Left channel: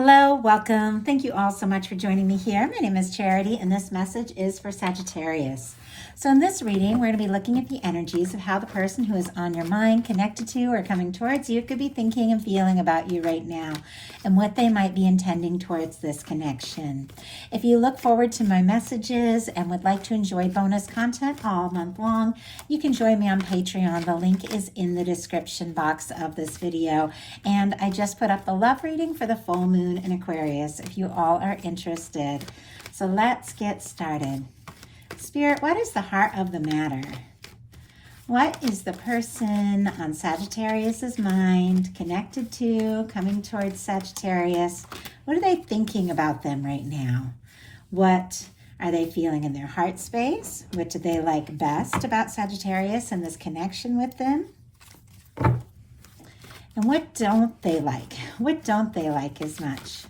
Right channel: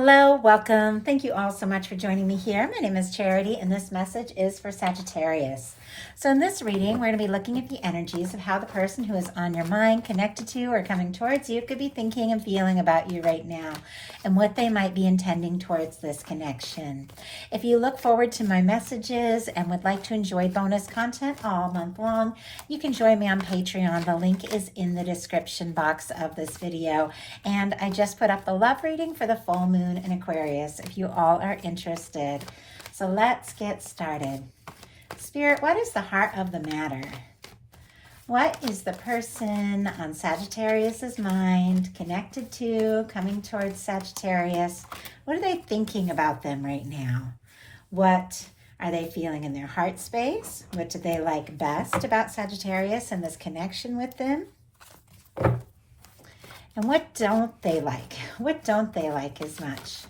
Hello, welcome. Thank you all so much for joining me here. My name is Charity, and this message is for Sagittarius. So in this reading, we're going to be looking at the energies of how the person who is on your mind, connected to, or coming towards you could be thinking and feeling about you right now, and what they might be intending towards this connection. If you look forward to my messages and would like to enjoy bonus content all month long, you can join me on Patreon. The link is in the description box of this video. And I just put up the love reading for the full moon in Aquarius if you all are interested. So let's get started. Spirit, what is the heart of the matter? What is the person on Sagittarius's mind connected to, coming towards Sagittarius? What are they thinking about them right now? What are they feeling in their heart space? What do they like best about Sagittarius and this connection with them? And what don't they like? What don't they like as much?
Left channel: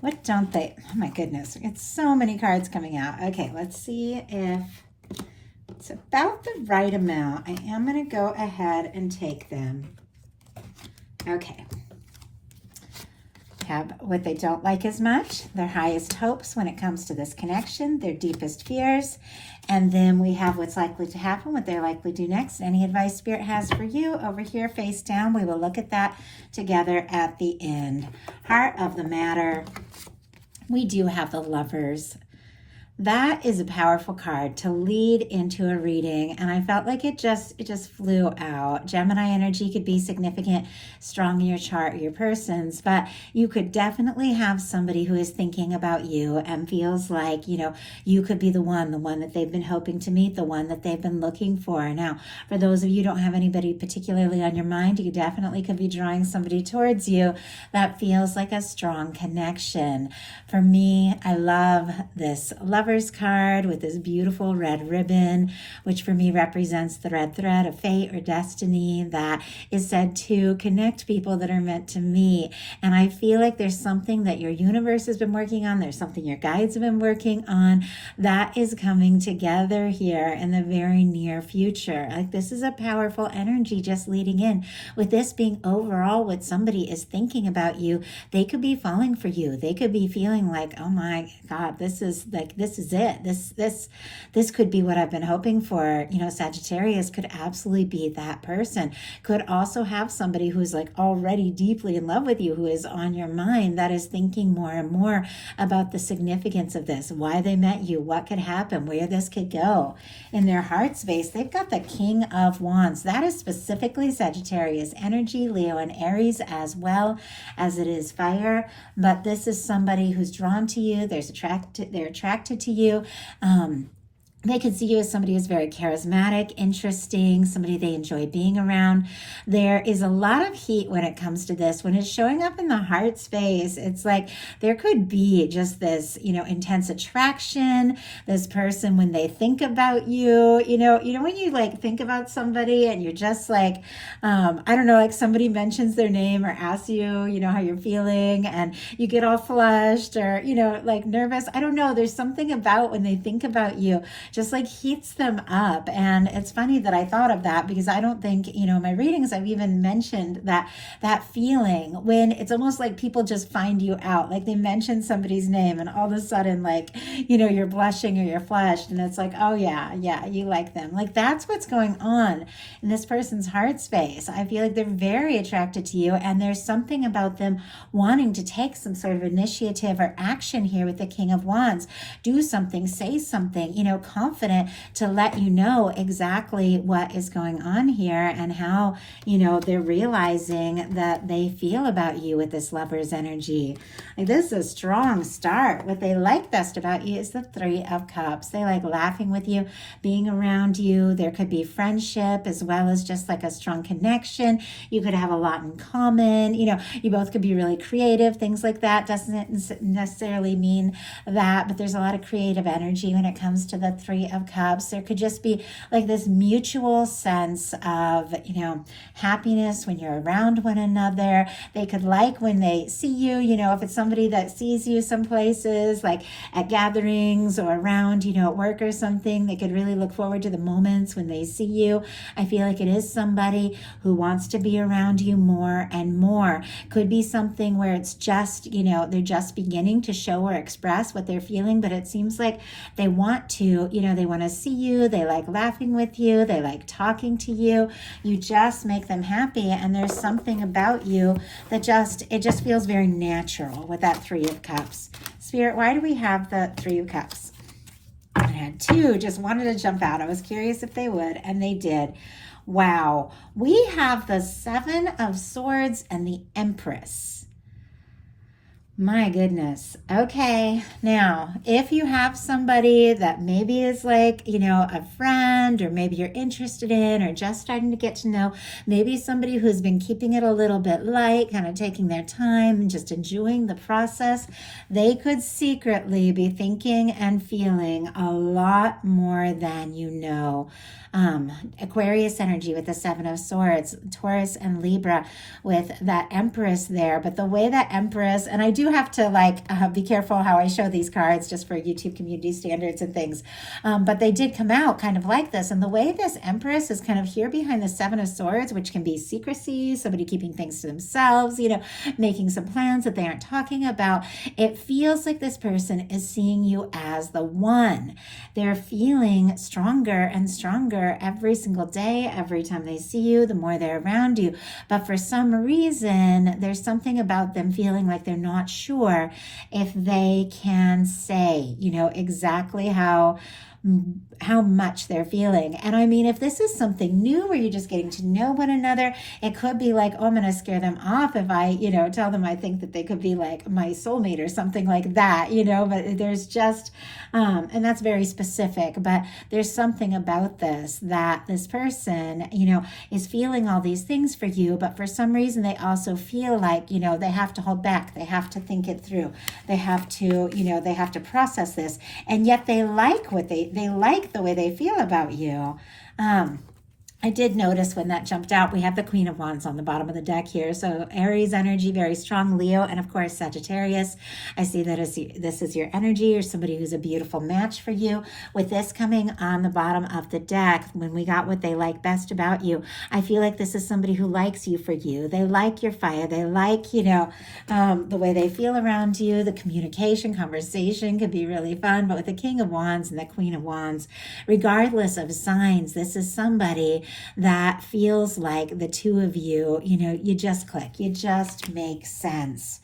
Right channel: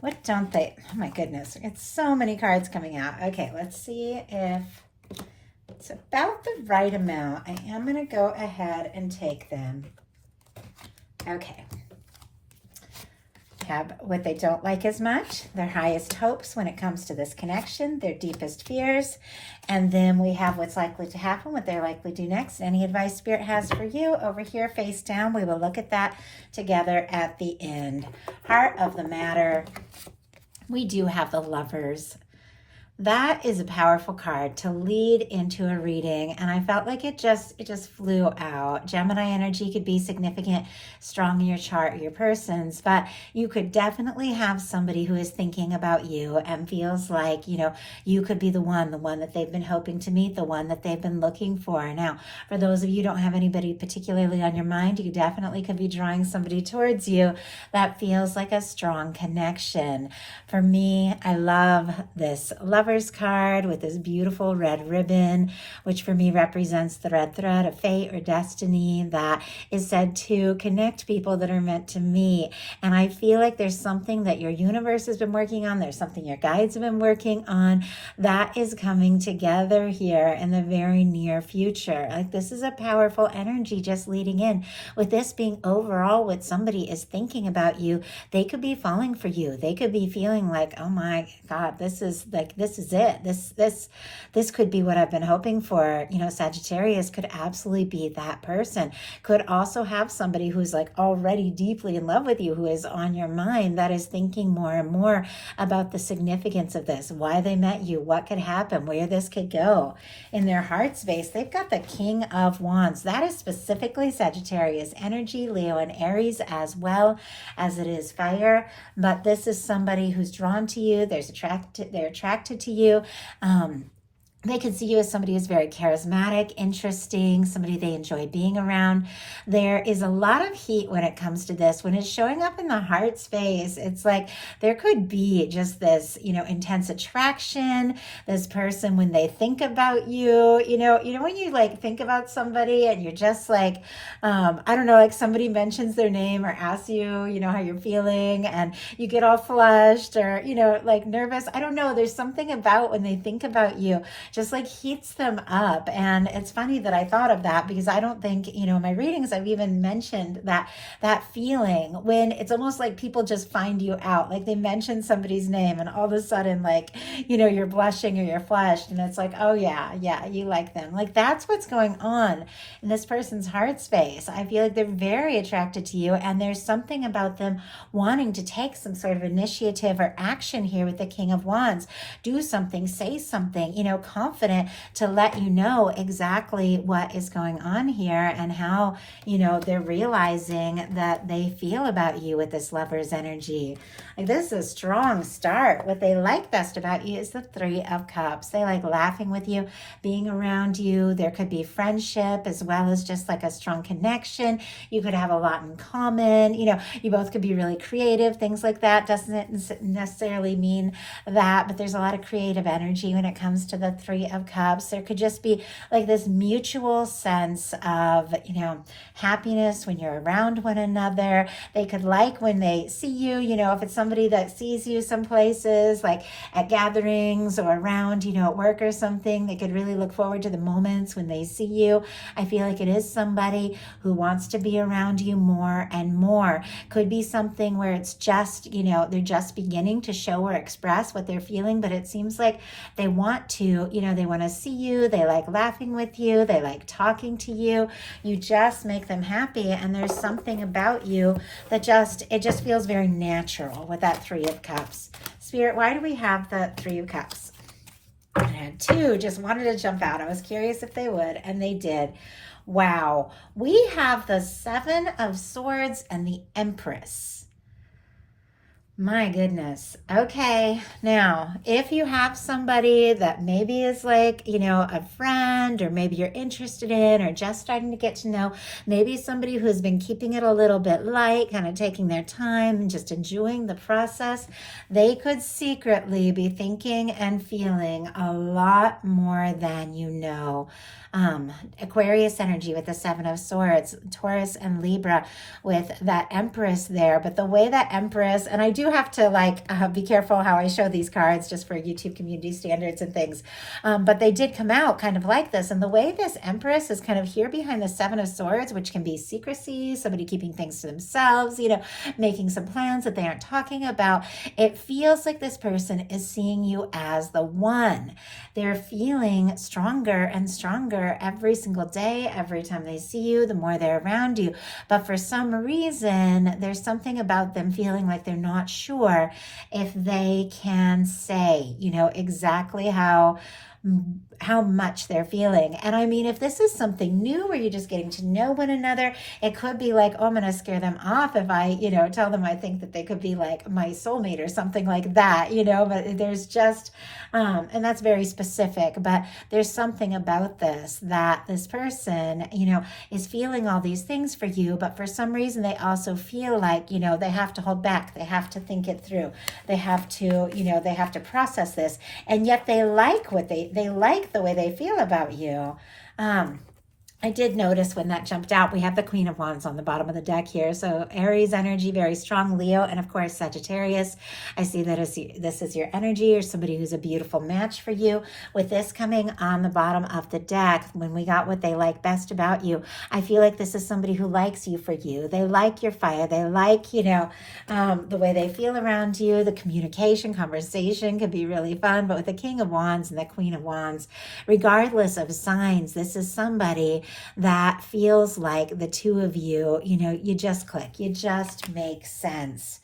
What don't they? Oh my goodness, it's so many cards coming out. Okay, let's see if it's about the right amount. I am going to go ahead and take them. Okay. Have what they don't like as much, their highest hopes when it comes to this connection, their deepest fears, and then we have what's likely to happen, what they're likely to do next. Any advice Spirit has for you over here face down. We will look at that together at the end. Heart of the matter, we do have the Lovers. That is a powerful card to lead into a reading, and I felt like it just flew out. Gemini energy could be significant, strong in your chart, your person's, but you could definitely have somebody who is thinking about you and feels like, you could be the one that they've been hoping to meet, the one that they've been looking for. Now, for those of you who don't have anybody particularly on your mind, you definitely could be drawing somebody towards you that feels like a strong connection. For me, I love this Lover's card with this beautiful red ribbon, which for me represents the red thread of fate or destiny that is said to connect people that are meant to meet. And I feel like there's something that your universe has been working on. There's something your guides have been working on that is coming together here in the very near future. Like, this is a powerful energy just leading in. With this being overall what somebody is thinking about you, they could be falling for you. They could be feeling like, oh my God, this is it. This could be what I've been hoping for. Sagittarius could absolutely be that person. Could also have somebody who's like already deeply in love with you, who is on your mind, that is thinking more and more about the significance of this, why they met you, what could happen, where this could go. In their heart space, they've got the King of Wands. That is specifically Sagittarius energy, Leo and Aries, as well as it is fire. But this is somebody who's drawn to you. They're attracted to you. They can see you as somebody who's very charismatic, interesting, somebody they enjoy being around. There is a lot of heat when it comes to this. When it's showing up in the heart space, it's like there could be just this, intense attraction. This person, when they think about you, when you like think about somebody and you're just like, I don't know, like somebody mentions their name or asks you, how you're feeling, and you get all flushed or, like nervous. I don't know. There's something about when they think about you, just like heats them up. And it's funny that I thought of that, because I don't think, in my readings, I've even mentioned that feeling when it's almost like people just find you out. Like they mention somebody's name and all of a sudden, like, you're blushing or you're flushed, and it's like, oh yeah, you like them. Like that's what's going on in this person's heart space. I feel like they're very attracted to you, and there's something about them wanting to take some sort of initiative or action here with the King of Wands. Do something, say something, confident to let you know exactly what is going on here and how, they're realizing that they feel about you with this Lover's energy. Like, this is a strong start. What they like best about you is the Three of Cups. They like laughing with you, being around you. There could be friendship as well as just like a strong connection. You could have a lot in common. You both could be really creative, things like that. Doesn't necessarily mean that, but there's a lot of creative energy when it comes to the Three of Cups. There could just be like this mutual sense of, happiness when you're around one another. They could like when they see you, if it's somebody that sees you some places, like at gatherings or around, at work or something, they could really look forward to the moments when they see you. I feel like it is somebody who wants to be around you more and more. Could be something where it's just, they're just beginning to show or express what they're feeling, but it seems like they want to, they want to see you. They like laughing with you. They like talking to you. You just make them happy. And there's something about you that it just feels very natural with that Three of Cups. Spirit, why do we have the Three of Cups? I had two, just wanted to jump out. I was curious if they would, and they did. Wow. We have the Seven of Swords and the Empress. My goodness. Okay. Now, if you have somebody that maybe is like, a friend, or maybe you're interested in, or just starting to get to know, maybe somebody who's been keeping it a little bit light, kind of taking their time and just enjoying the process, they could secretly be thinking and feeling a lot more than you know. Aquarius energy with the Seven of Swords, Taurus and Libra with that Empress there. But the way that Empress, and I do have to be careful how I show these cards just for YouTube community standards and things. But they did come out kind of like this. And the way this Empress is kind of here behind the Seven of Swords, which can be secrecy, somebody keeping things to themselves, making some plans that they aren't talking about. It feels like this person is seeing you as the one. They're feeling stronger and stronger every single day. Every time they see you, the more they're around you. But for some reason, there's something about them feeling like they're not sure if they can say, exactly how much they're feeling. And I mean, if this is something new where you're just getting to know one another, it could be like, oh, I'm going to scare them off if I, tell them I think that they could be like my soulmate or something like that, but there's just, and that's very specific, but there's something about this, that this person, is feeling all these things for you, but for some reason they also feel like, they have to hold back. They have to think it through. They have to, they have to process this. And yet they like they like the way they feel about you. I did notice when that jumped out, we have the Queen of Wands on the bottom of the deck here. So Aries energy, very strong, Leo, and of course Sagittarius. I see that this is your energy, or somebody who's a beautiful match for you. With this coming on the bottom of the deck, when we got what they like best about you, I feel like this is somebody who likes you for you. They like your fire. They like, the way they feel around you. The communication, conversation could be really fun. But with the King of Wands and the Queen of Wands, regardless of signs, this is somebody that feels like the two of you, you just click, you just make sense.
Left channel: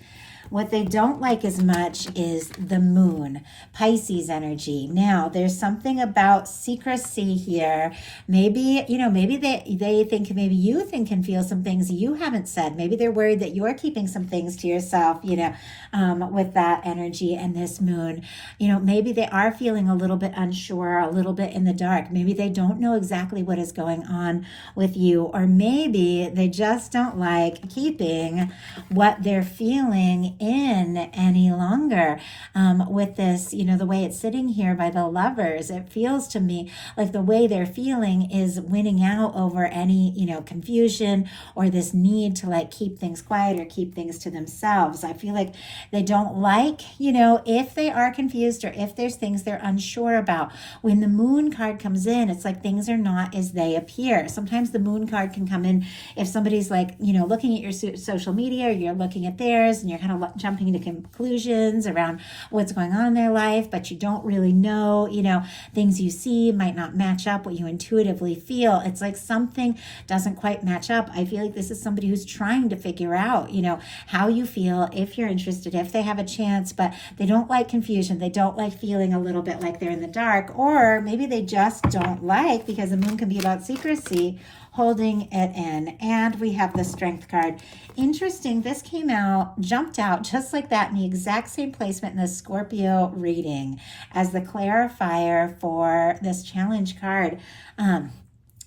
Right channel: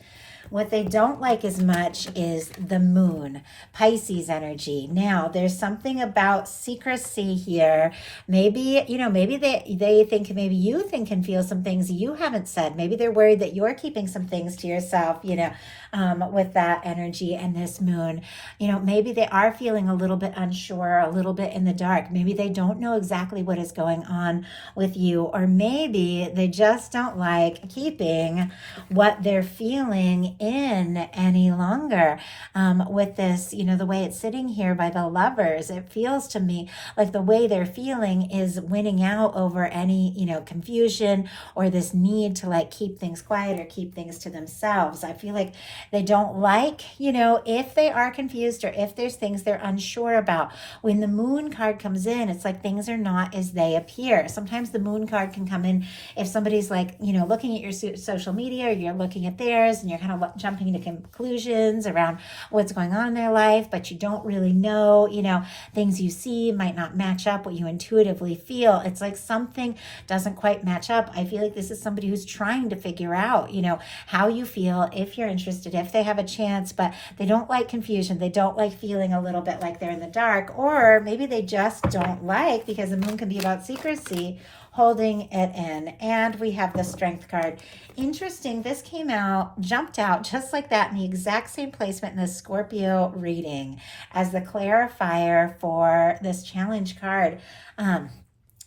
What they don't like as much is the moon, Pisces energy. Now, there's something about secrecy here. Maybe, maybe they think, maybe you think and feel some things you haven't said. Maybe they're worried that you're keeping some things to yourself, with that energy and this moon. Maybe they are feeling a little bit unsure, a little bit in the dark. Maybe they don't know exactly what is going on with you, or maybe they just don't like keeping what they're feeling in any longer. With this, the way it's sitting here by the Lovers, it feels to me like the way they're feeling is winning out over any, confusion, or this need to keep things quiet or keep things to themselves. I feel like they don't like, if they are confused, or if there's things they're unsure about. When the Moon card comes in, it's like things are not as they appear. Sometimes the Moon card can come in if somebody's looking at your social media, or you're looking at theirs, and you're kind of jumping to conclusions around what's going on in their life, but you don't really know, things you see might not match up what you intuitively feel. It's like something doesn't quite match up. I feel like this is somebody who's trying to figure out, how you feel, if you're interested, if they have a chance, but they don't like confusion. They don't like feeling a little bit like they're in the dark, or maybe they just don't like, because the moon can be about secrecy, holding it in. And we have the Strength card. Interesting, this jumped out just like that in the exact same placement in the Scorpio reading as the clarifier for this challenge card.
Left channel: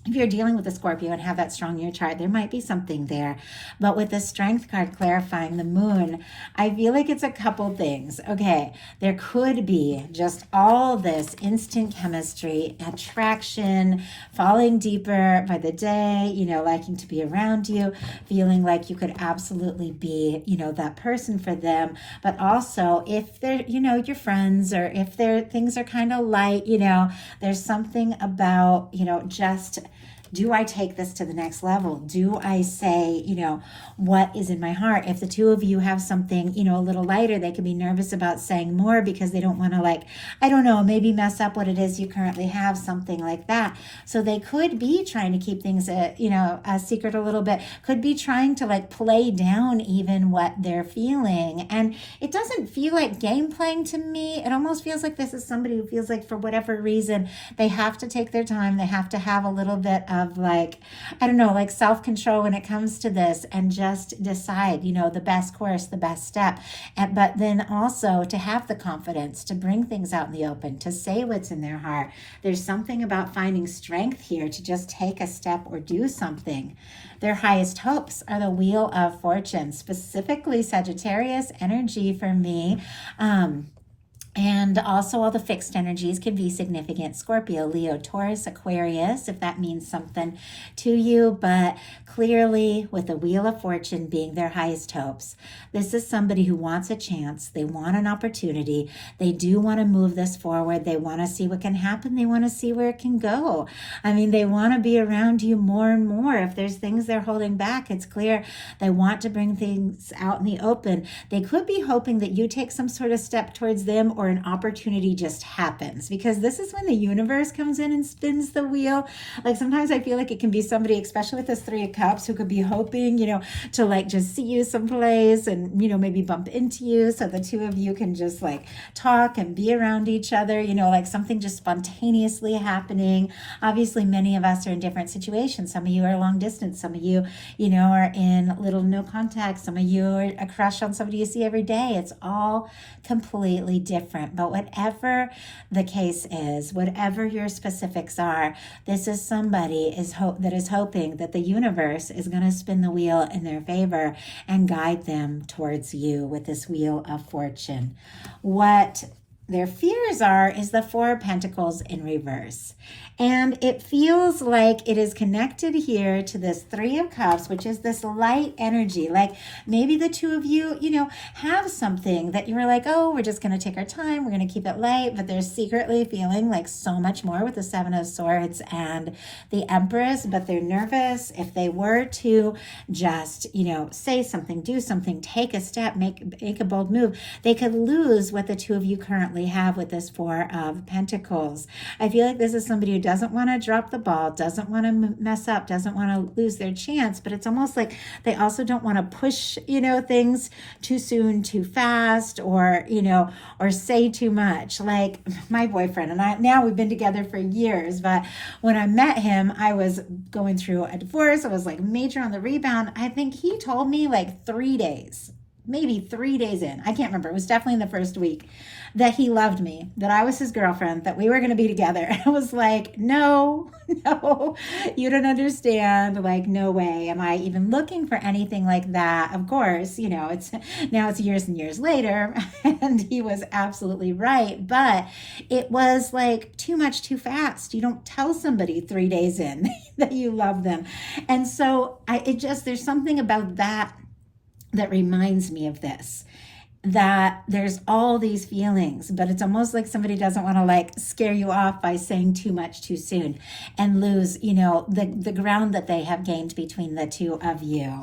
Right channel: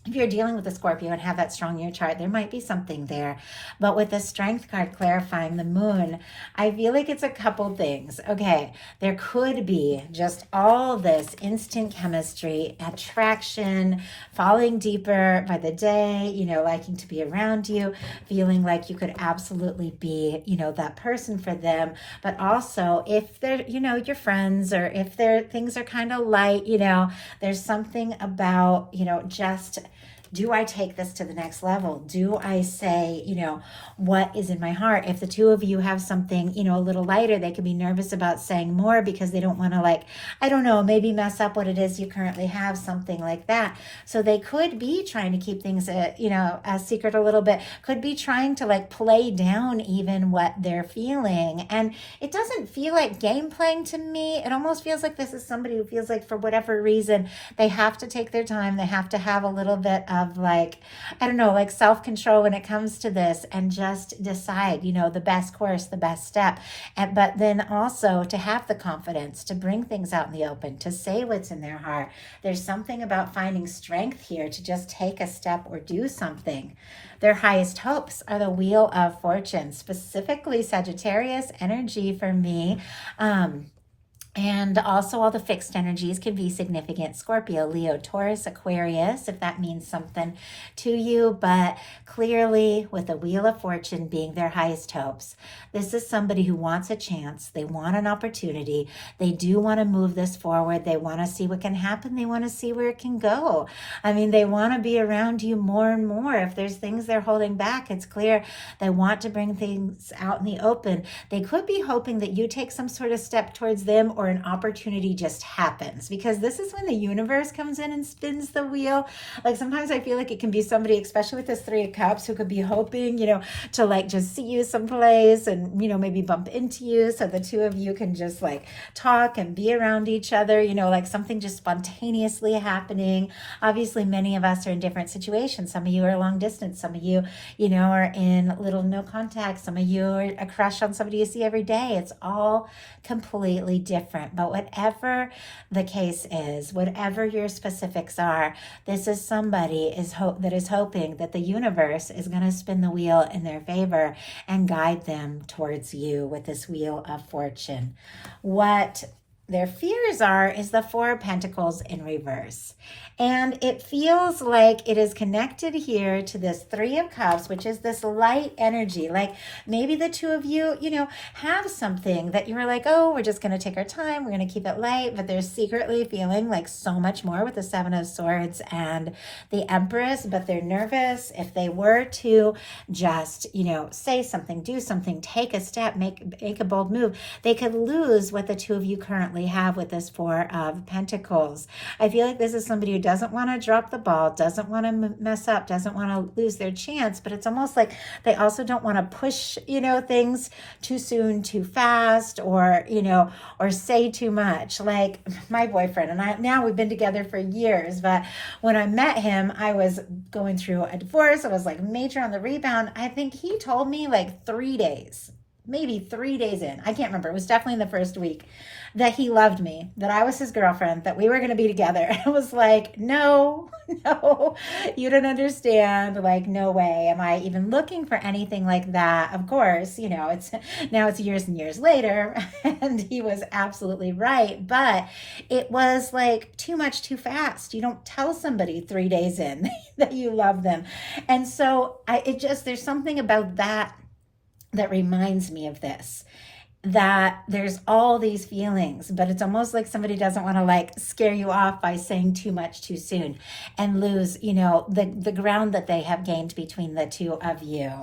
if you're dealing with a Scorpio and have that strong in your chart, there might be something there. But with the Strength card clarifying the moon, I feel like it's a couple things. Okay, there could be just all this instant chemistry, attraction, falling deeper by the day, liking to be around you, feeling like you could absolutely be, that person for them. But also if they're, your friends, or if things are kind of light, there's something about, just, do I take this to the next level? Do I say, what is in my heart? If the two of you have something, a little lighter, they can be nervous about saying more because they don't want to, maybe mess up what it is you currently have, something like that. So they could be trying to keep things, a secret a little bit, could be trying to play down even what they're feeling. And it doesn't feel like game playing to me. It almost feels like this is somebody who feels like for whatever reason, they have to take their time. They have to have a little bit of self-control when it comes to this, and just decide, the best course, the best step. But then also to have the confidence to bring things out in the open, to say what's in their heart. There's something about finding strength here to just take a step or do something. Their highest hopes are the Wheel of Fortune, specifically Sagittarius energy for me. And also all the fixed energies can be significant. Scorpio, Leo, Taurus, Aquarius, if that means something to you. But clearly with the Wheel of Fortune being their highest hopes, this is somebody who wants a chance. They want an opportunity. They do want to move this forward. They want to see what can happen. They want to see where it can go. They want to be around you more and more. If there's things they're holding back, it's clear they want to bring things out in the open. They could be hoping that you take some sort of step towards them, or an opportunity just happens, because this is when the universe comes in and spins the wheel. Sometimes I feel like it can be somebody, especially with this Three of Cups, who could be hoping, to just see you someplace and, maybe bump into you so the two of you can just talk and be around each other, something just spontaneously happening. Obviously, many of us are in different situations. Some of you are long distance. Some of you, are in little no contact. Some of you are a crush on somebody you see every day. It's all completely different. But whatever the case is, whatever your specifics are, this is somebody that is hoping that the universe is going to spin the wheel in their favor and guide them towards you with this Wheel of Fortune. What their fears are is the Four of Pentacles in reverse. And it feels like it is connected here to this Three of Cups, which is this light energy. Maybe the two of you, have something that you were oh, we're just going to take our time. We're going to keep it light. But they're secretly feeling so much more with the Seven of Swords and the Empress. But they're nervous. If they were to just, say something, do something, take a step, make a bold move, they could lose what the two of you currently have with this Four of Pentacles. I feel like this is somebody who doesn't want to drop the ball, doesn't want to mess up, doesn't want to lose their chance, but it's almost like they also don't want to push, things too soon, too fast, or, or say too much. Like my boyfriend and I, now we've been together for years, but when I met him, I was going through a divorce. I was major on the rebound. I think he told me 3 days, maybe 3 days in, I can't remember. It was definitely in the first week, that he loved me, that I was his girlfriend, that we were going to be together. I was no, you don't understand. No way am I even looking for anything like that. Of course, it's years and years later, and he was absolutely right. But it was too much too fast. You don't tell somebody 3 days in that you love them. And so there's something about that reminds me of this, that there's all these feelings, but it's almost like somebody doesn't want to scare you off by saying too much too soon and lose, the ground that they have gained between the two of you.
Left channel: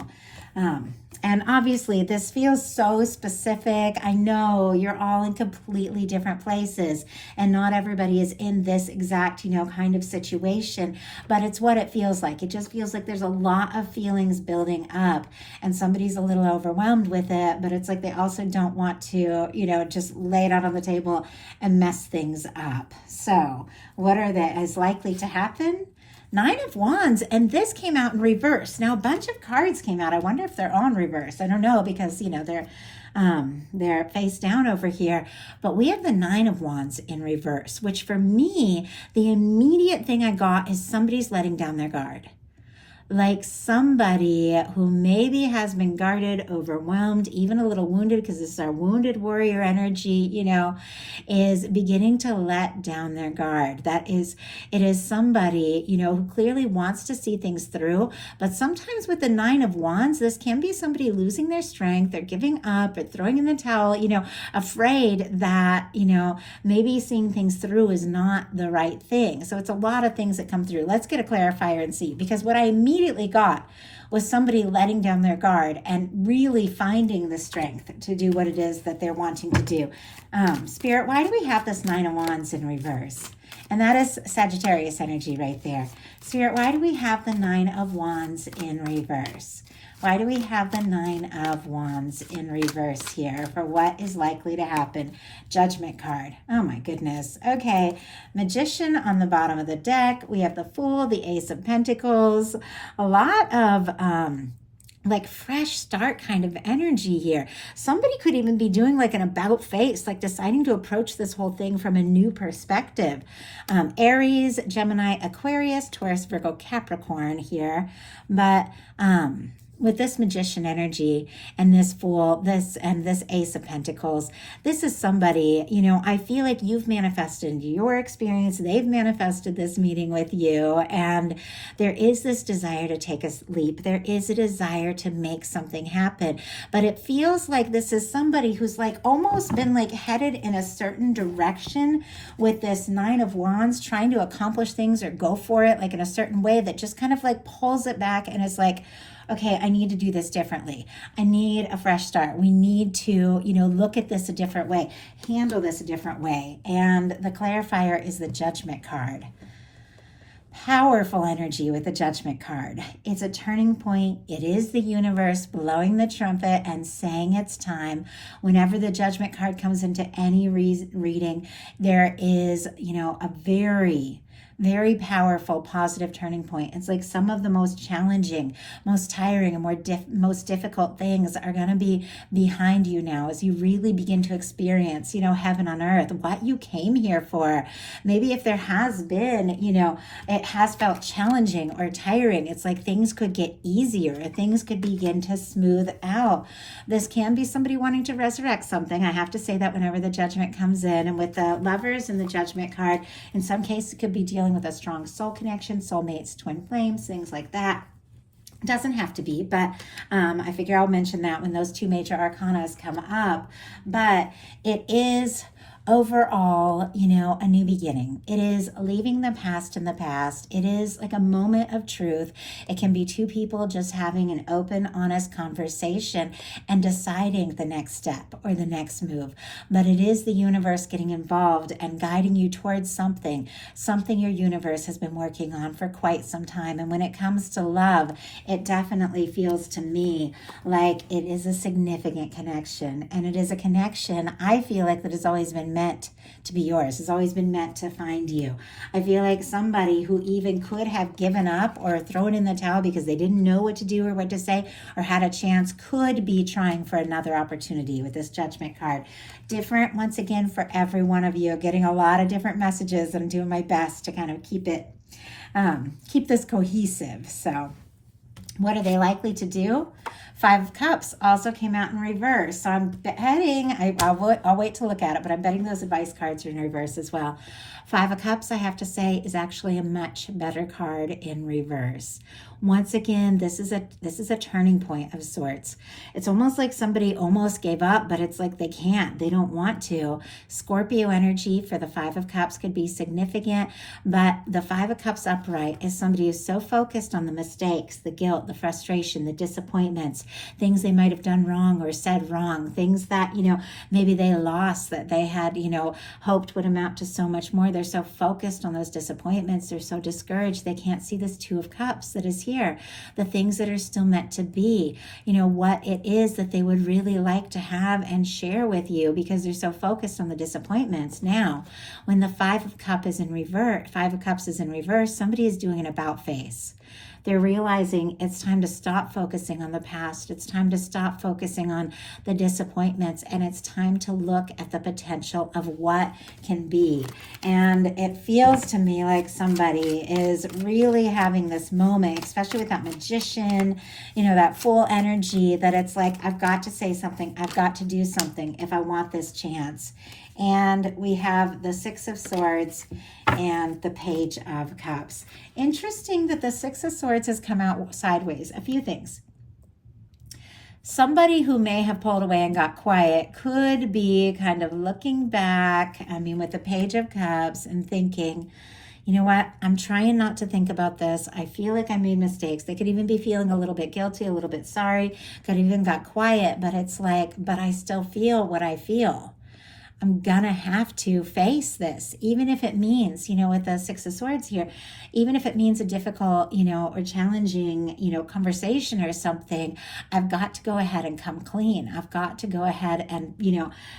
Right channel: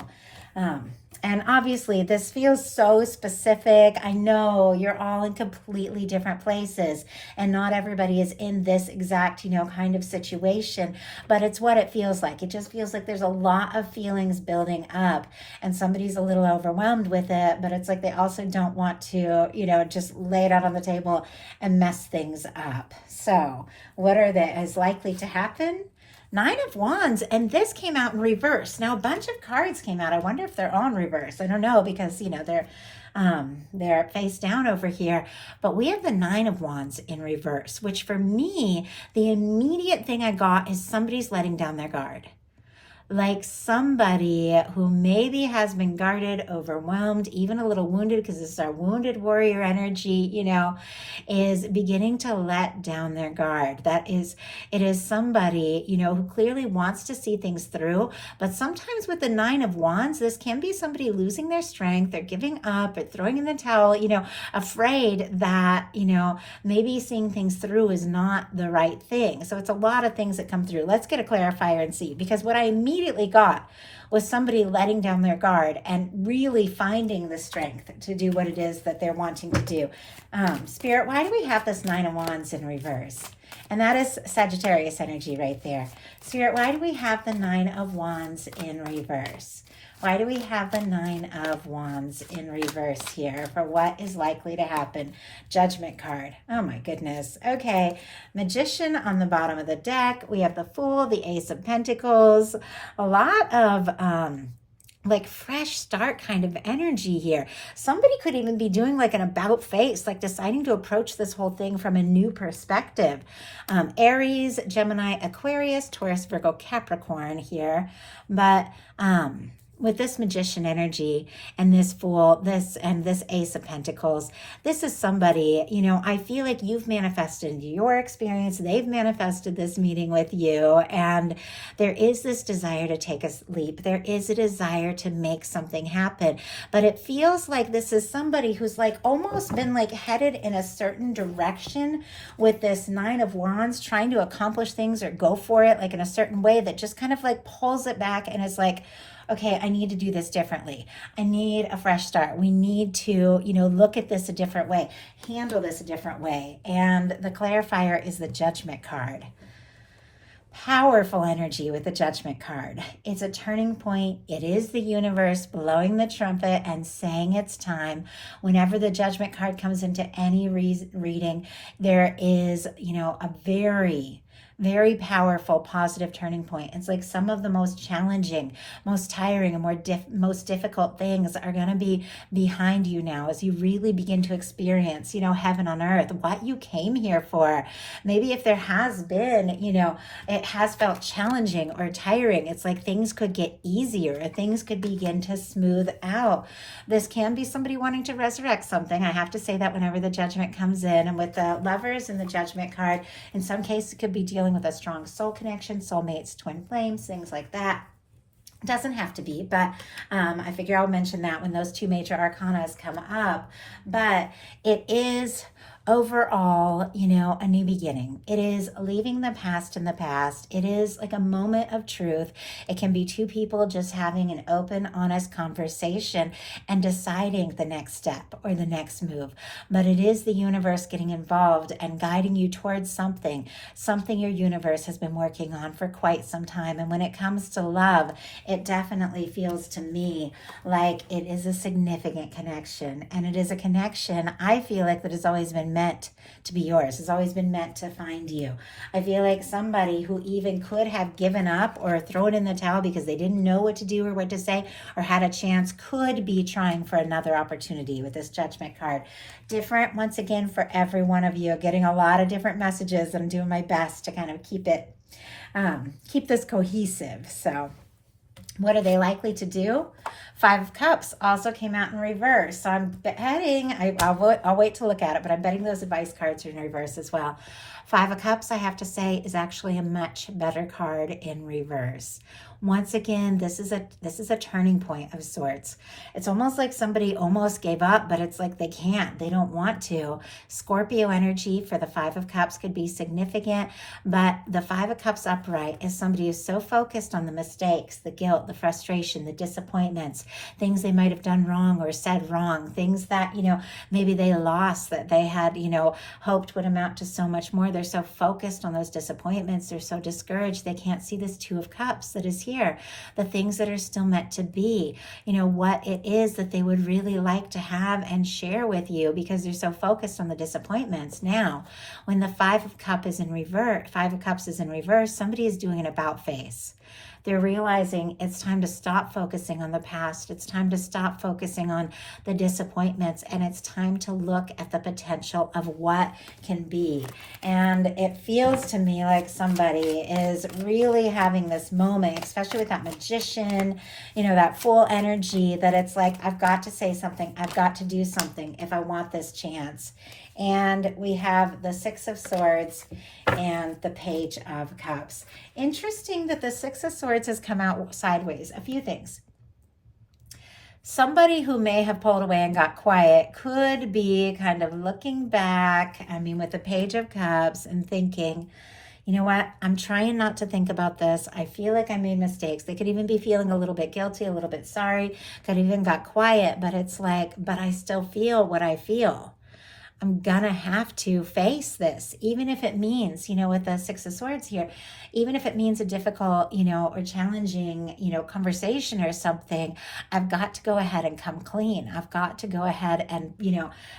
And obviously this feels so specific. I know you're all in completely different places and not everybody is in this exact, kind of situation, but it's what it feels like. It just feels like there's a lot of feelings building up and somebody's a little overwhelmed with it, but it's they also don't want to, just lay it out on the table and mess things up. So what is likely to happen? 9 of Wands, and this came out in reverse. Now a bunch of cards came out. I wonder if they're all in reverse. I don't know, because they're They're face down over here, but we have the Nine of Wands in reverse, which for me, the immediate thing I got is somebody's letting down their guard. Like somebody who maybe has been guarded, overwhelmed, even a little wounded, because this is our wounded warrior energy, is beginning to let down their guard. It is somebody, who clearly wants to see things through, but sometimes with the Nine of Wands, this can be somebody losing their strength, they're giving up, or throwing in the towel, afraid that, maybe seeing things through is not the right thing. So it's a lot of things that come through. Let's get a clarifier and see, because what I immediately got was somebody letting down their guard and really finding the strength to do what it is that they're wanting to do. Spirit, why do we have this Nine of Wands in reverse? And that is Sagittarius energy right there. Spirit, why do we have the Nine of Wands in reverse? Why do we have the Nine of Wands in reverse here for what is likely to happen? Judgment card. Oh my goodness. Okay. Magician on the bottom of the deck. We have the Fool, the Ace of Pentacles. A lot of like fresh start kind of energy here. Somebody could even be doing like an about face, like deciding to approach this whole thing from a new perspective. Aries, Gemini, Aquarius, Taurus, Virgo, Capricorn here. But with this Magician energy and this Fool, this Ace of Pentacles, this is somebody, I feel like you've manifested your experience, they've manifested this meeting with you, and there is this desire to take a leap. There is a desire to make something happen, but it feels like this is somebody who's like almost been like headed in a certain direction with this Nine of Wands, trying to accomplish things or go for it like in a certain way that just kind of like pulls it back and is like, okay, I need to do this differently. I need a fresh start. We need to, look at this a different way, handle this a different way. And the clarifier is the Judgment card. Powerful energy with the Judgment card. It's a turning point. It is the universe blowing the trumpet and saying it's time. Whenever the Judgment card comes into any reading, there is, a very powerful, positive turning point. It's like some of the most challenging, most tiring, and most difficult things are going to be behind you now as you really begin to experience, heaven on earth, what you came here for. Maybe if there has been, it has felt challenging or tiring, it's like things could get easier, or things could begin to smooth out. This can be somebody wanting to resurrect something. I have to say that whenever the Judgment comes in, and with the Lovers and the Judgment card, in some cases it could be dealing with a strong soul connection, soulmates, twin flames, things like that. Doesn't have to be, but I figure I'll mention that when those two major arcanas come up. But it is overall, a new beginning. It is leaving the past in the past. It is like a moment of truth. It can be two people just having an open, honest conversation and deciding the next step or the next move. But it is the universe getting involved and guiding you towards something your universe has been working on for quite some time. And when it comes to love, it definitely feels to me like it is a significant connection. And it is a connection, I feel like, that has always been meant to be yours, has always been meant to find you. I feel like somebody who even could have given up or thrown in the towel because they didn't know what to do or what to say or had a chance could be trying for another opportunity with this Judgment card. Different, once again, for every one of you. Getting a lot of different messages. I'm doing my best to kind of keep this cohesive. So what are they likely to do? Five of Cups also came out in reverse. So I'm betting, I'll wait to look at it, but I'm betting those advice cards are in reverse as well. Five of Cups, I have to say, is actually a much better card in reverse. Once again, this is a turning point of sorts. It's almost like somebody almost gave up, but it's like they can't. They don't want to. Scorpio energy for the Five of Cups could be significant, but the Five of Cups upright is somebody who's so focused on the mistakes, the guilt, the frustration, the disappointments, things they might have done wrong or said wrong, things that, maybe they lost that they had, hoped would amount to so much more. They're so focused on those disappointments. They're so discouraged. They can't see this Two of Cups that is here, the things that are still meant to be, what it is that they would really like to have and share with you, because they're so focused on the disappointments. Now, when the Five of Cups is in reverse, somebody is doing an about face. They're realizing it's time to stop focusing on the past. It's time to stop focusing on the disappointments, and it's time to look at the potential of what can be. And it feels to me like somebody is really having this moment, especially with that magician, that full energy, that it's like, I've got to say something. I've got to do something if I want this chance. And we have the Six of Swords and the Page of Cups. Interesting that the Six of Swords has come out sideways. A few things. Somebody who may have pulled away and got quiet could be kind of looking back, with the Page of Cups, and thinking, you know what, I'm trying not to think about this. I feel like I made mistakes. They could even be feeling a little bit guilty, a little bit sorry, could even got quiet, but it's like, but I still feel what I feel. I'm gonna have to face this, even if it means, with the Six of Swords here, even if it means a difficult, or challenging, conversation or something. I've got to go ahead and come clean. I've got to go ahead and,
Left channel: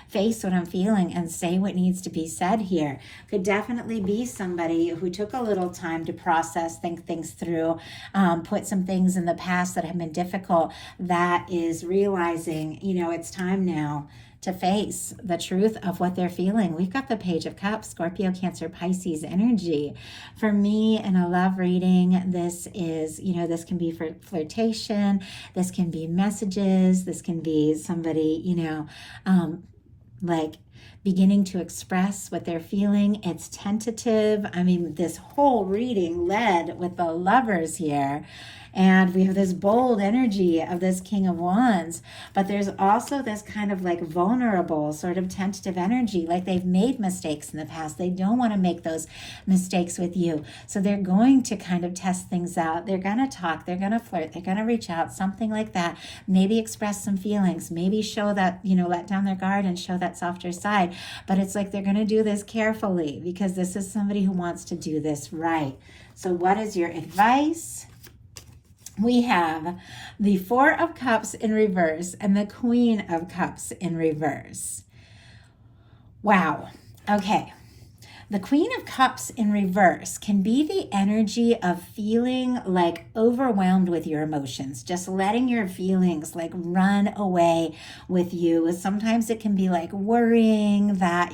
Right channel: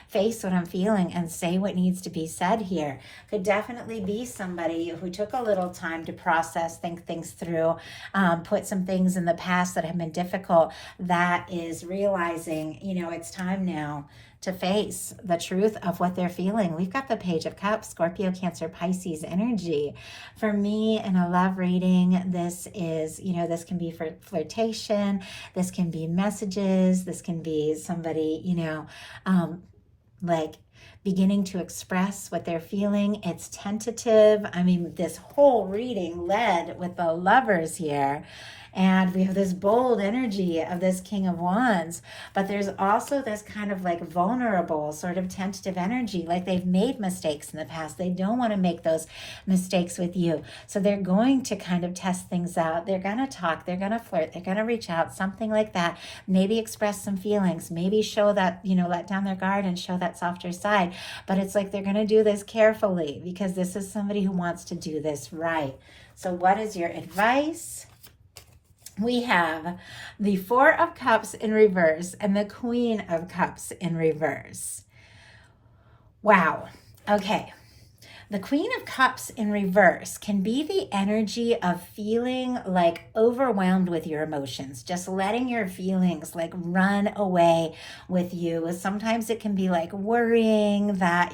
face what I'm feeling and say what needs to be said here. Could definitely be somebody who took a little time to process, think things through, put some things in the past that have been difficult, that is realizing, it's time now to face the truth of what they're feeling. We've got the Page of Cups, Scorpio, Cancer, Pisces energy. For me, in a love reading, this is, this can be for flirtation, this can be messages, this can be somebody, like beginning to express what they're feeling. It's tentative. This whole reading led with the Lovers here. And we have this bold energy of this King of Wands, but there's also this kind of like vulnerable, sort of tentative energy, like they've made mistakes in the past. They don't want to make those mistakes with you. So they're going to kind of test things out. They're going to talk, they're going to flirt, they're going to reach out, something like that. Maybe express some feelings, maybe show that, let down their guard and show that softer side. But it's like they're going to do this carefully, because this is somebody who wants to do this right. So what is your advice? We have the Four of Cups in reverse and the Queen of Cups in reverse. Wow. Okay. The Queen of Cups in reverse can be the energy of feeling like overwhelmed with your emotions, just letting your feelings like run away with you. Sometimes it can be like worrying that,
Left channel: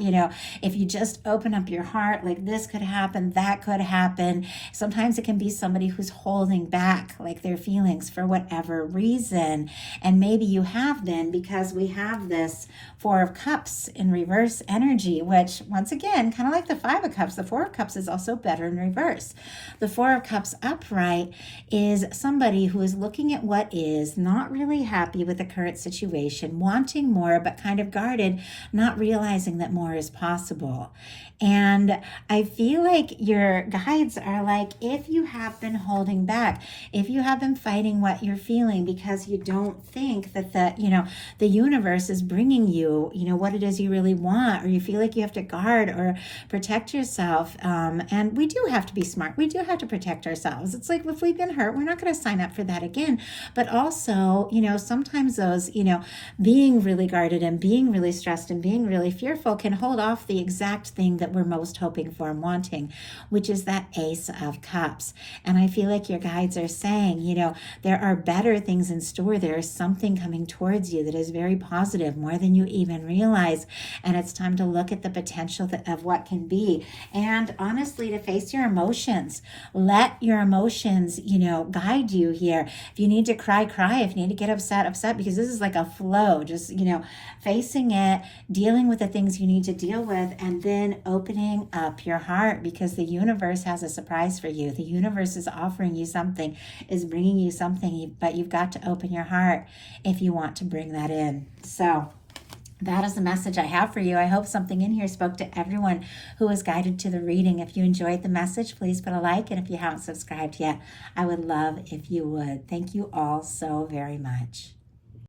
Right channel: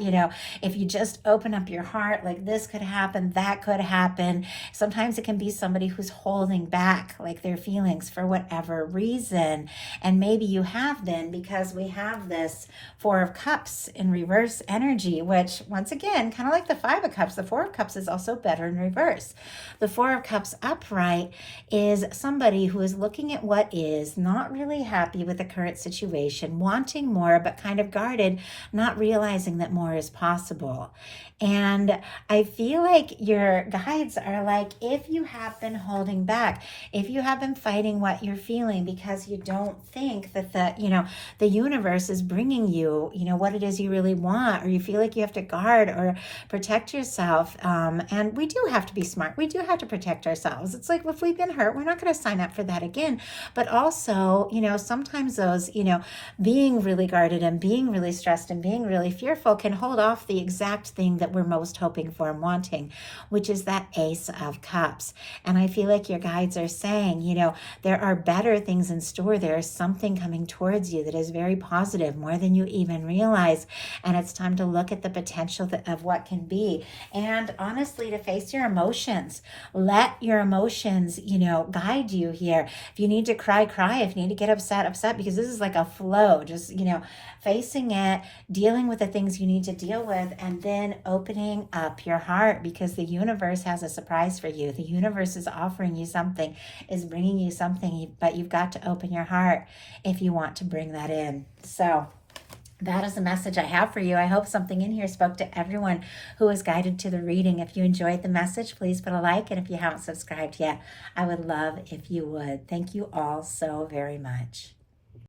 if you just open up your heart, like this could happen, that could happen. Sometimes it can be somebody who's holding back like their feelings for whatever reason. And maybe you have been, because we have this Four of Cups in reverse energy, which once again, kind of like the Five of Cups, the Four of Cups is also better in reverse. The Four of Cups upright is somebody who is looking at what is, not really happy with the current situation, wanting more, but kind of guarded, not realizing that more is possible. And I feel like your guides are like, if you have been holding back, if you have been fighting what you're feeling because you don't think that the universe is bringing you, what it is you really want, or you feel like you have to guard or protect yourself. And we do have to be smart. We do have to protect ourselves. It's like, if we've been hurt, we're not going to sign up for that again. But also, sometimes those, being really guarded and being really stressed and being really fearful can hold off the exact thing that we're most hoping for and wanting, which is that Ace of Cups. And I feel like your guides are saying, there are better things in store. There is something coming towards you that is very positive, more than you even realize. And it's time to look at the potential of what can be. And honestly, to face your emotions. Let your emotions, guide you here. If you need to cry, cry. If you need to get upset, upset, because this is like a flow. Just, facing it, dealing with the things you need to deal with, and then opening up your heart, because the universe has a surprise for you. The universe is offering you something, is bringing you something, but you've got to open your heart if you want to bring that in. So that is the message I have for you. I hope something in here spoke to everyone who was guided to the reading. If you enjoyed the message, please put a like. And if you haven't subscribed yet, I would love if you would. Thank you all so very much.